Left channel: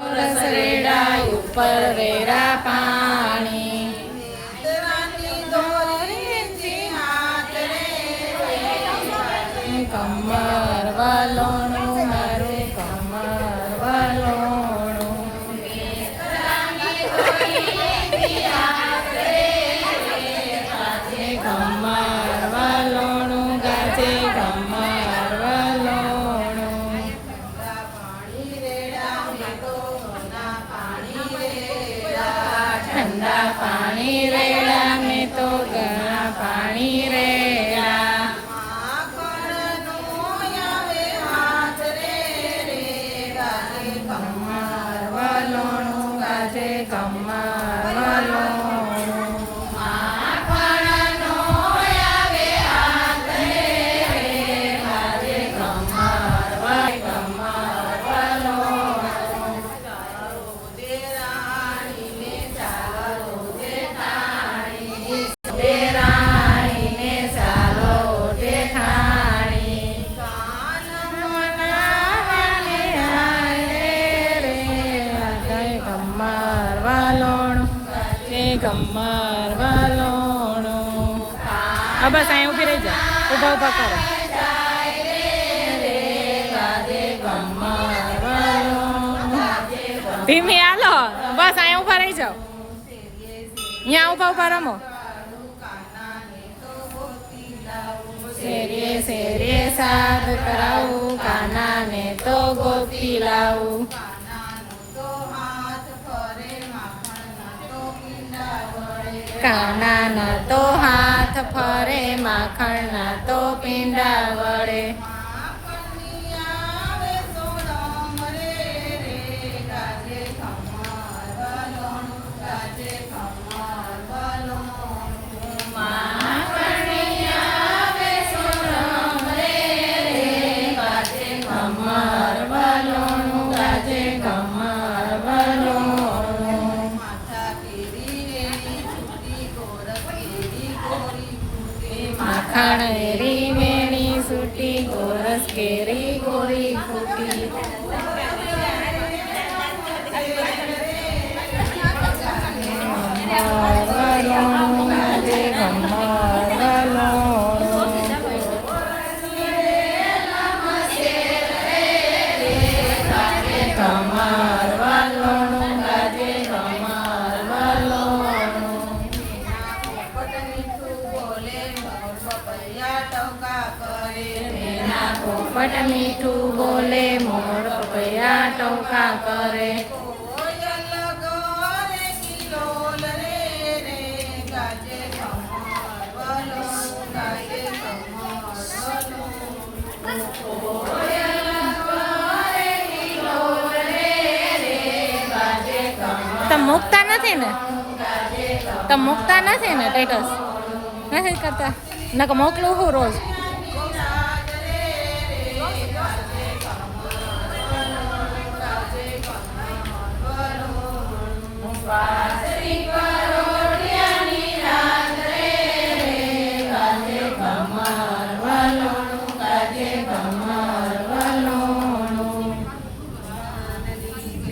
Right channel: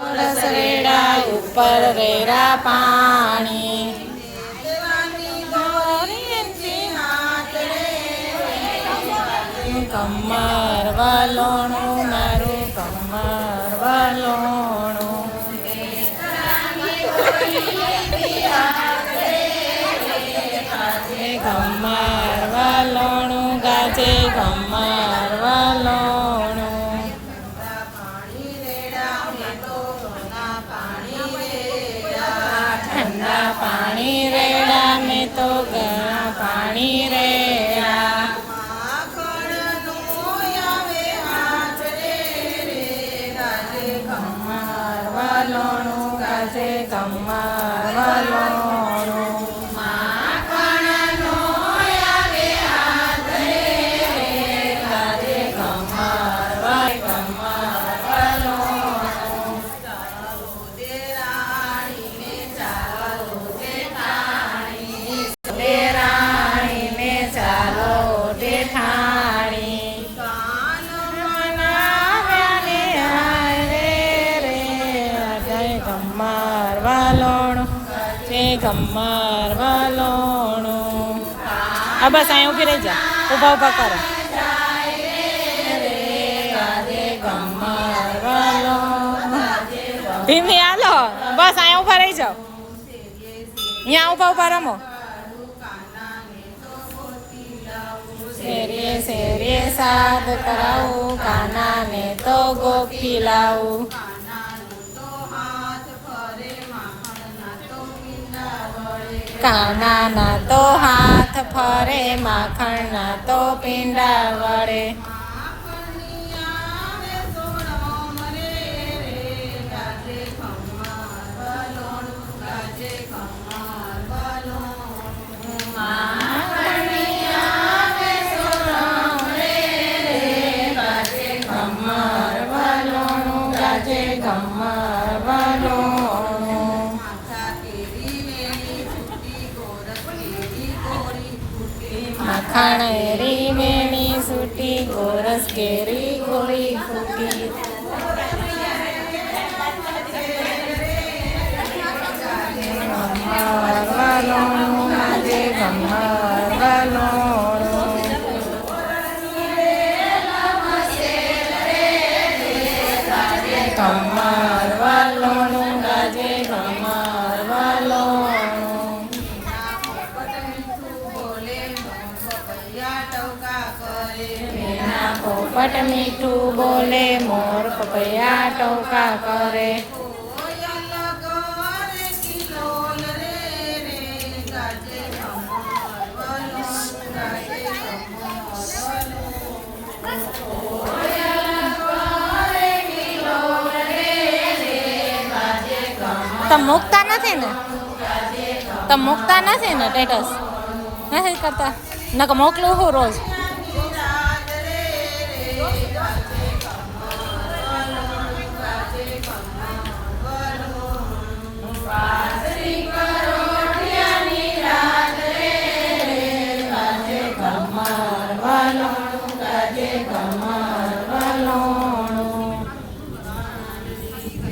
રસરેડા ઉપર રેરા પાણી કમર વાલોણું મારું કમર વાલોણું કમર વાલોણું ગાજે કમર વાલોણું ઠંડા પાણી રેડા મેં તો ગરમ પાણી રેડા કમર વાલોણું ગાજે કમર વાલોણું કમર વાલોણું કમર વાલોણું હા બસ અહીંયા ઊભી રહી જા ઊભા ઊભા કરો કમર વાલોણું ધીમી હાલો બસ અહીંયા ઊભા રહી જાઓ અહીંયા ઊભા ઊભા રમો શેરીએ શેરીએ સાદ કરાવું કાનાને તો ગોપી લાવું કાનાના તો હાથ ફરે માખણના તો પીંડા વળે કમર વાલોણું ગાજે કમર વાલોણું માખણ રી મેણી સૂટી ગોરસ કેરી ગોરી ફૂટી કમર વાલોણું ગાજે કમર વાલોણું કમર વાલોણું ગાજે કમર વાલોણું પોપટ મીઠું બોલે મોર પપૈયા ટોકા કરે તમે મૂકતા નથી ને તમે મૂકતા નથી ને સ્ટેટસ નથી કરતા નકર મોકલું હું રોજ બાજરી